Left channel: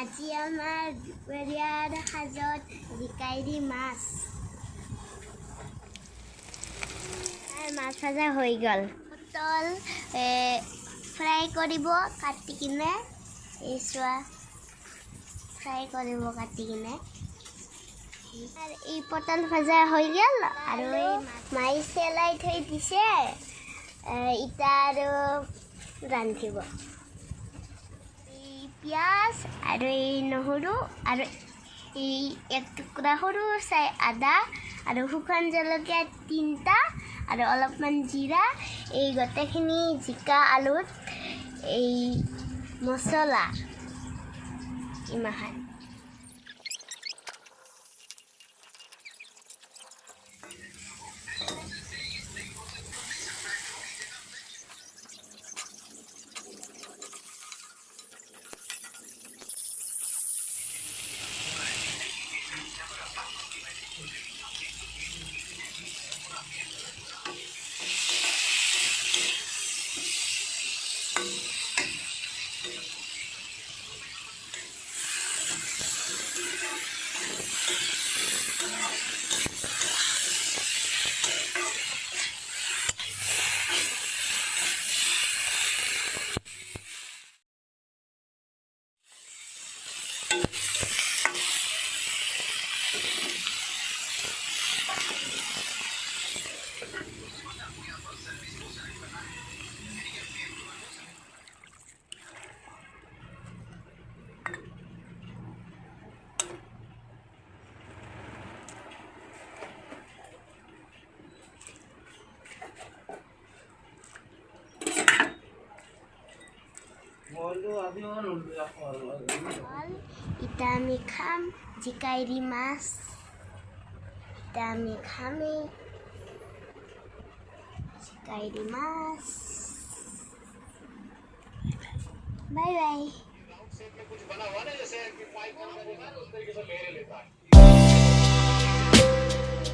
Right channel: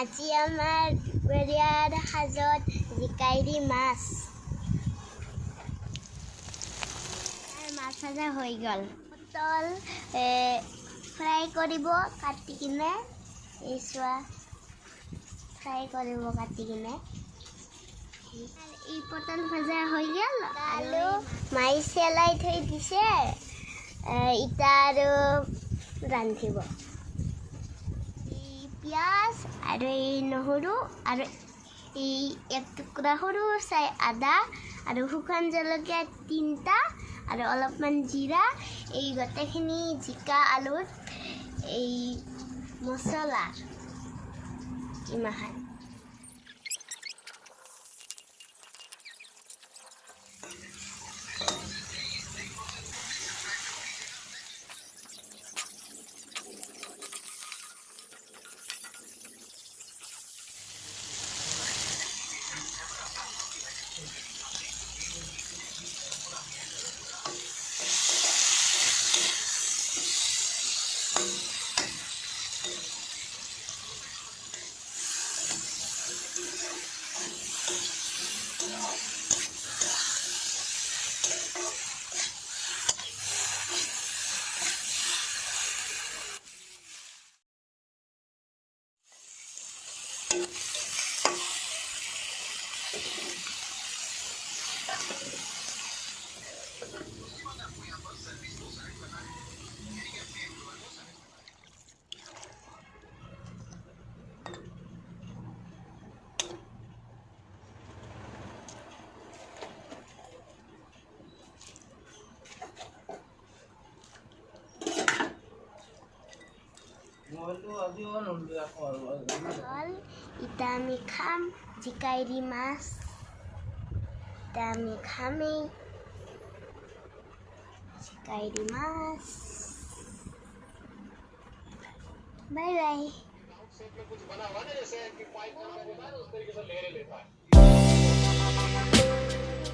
আজি আমাৰ দুপৰীয়াৰ সাজত জিকাইৰি মাছ। মাছ ভাজা হৈ গ'ল। পটল ফ্ৰাই কৰিব কাটি কিনে, এই চোৱা ফ্ৰাই কৰিব কাটি কিনে। এই পটল ভাজা হৈ গ'ল আৰু মাই চেলাই থৈ দিছে, ইটা আৰু ৰান্ধিব। পিঁয়াজ আৰু এই নহৰু আৰু এই এক টুকুৰা সৰু চাই আদা আৰু শুকান জলকীয়া 3টা আৰু অলপমান জিৰা, এই গোটেইখিনি জিকা আলুত এই মছলা ইমাহান। ইটা আমি খাম জিকাইৰি মাছ, ইটা আমি খামেই জিকাইৰি মাছ। Bye bye.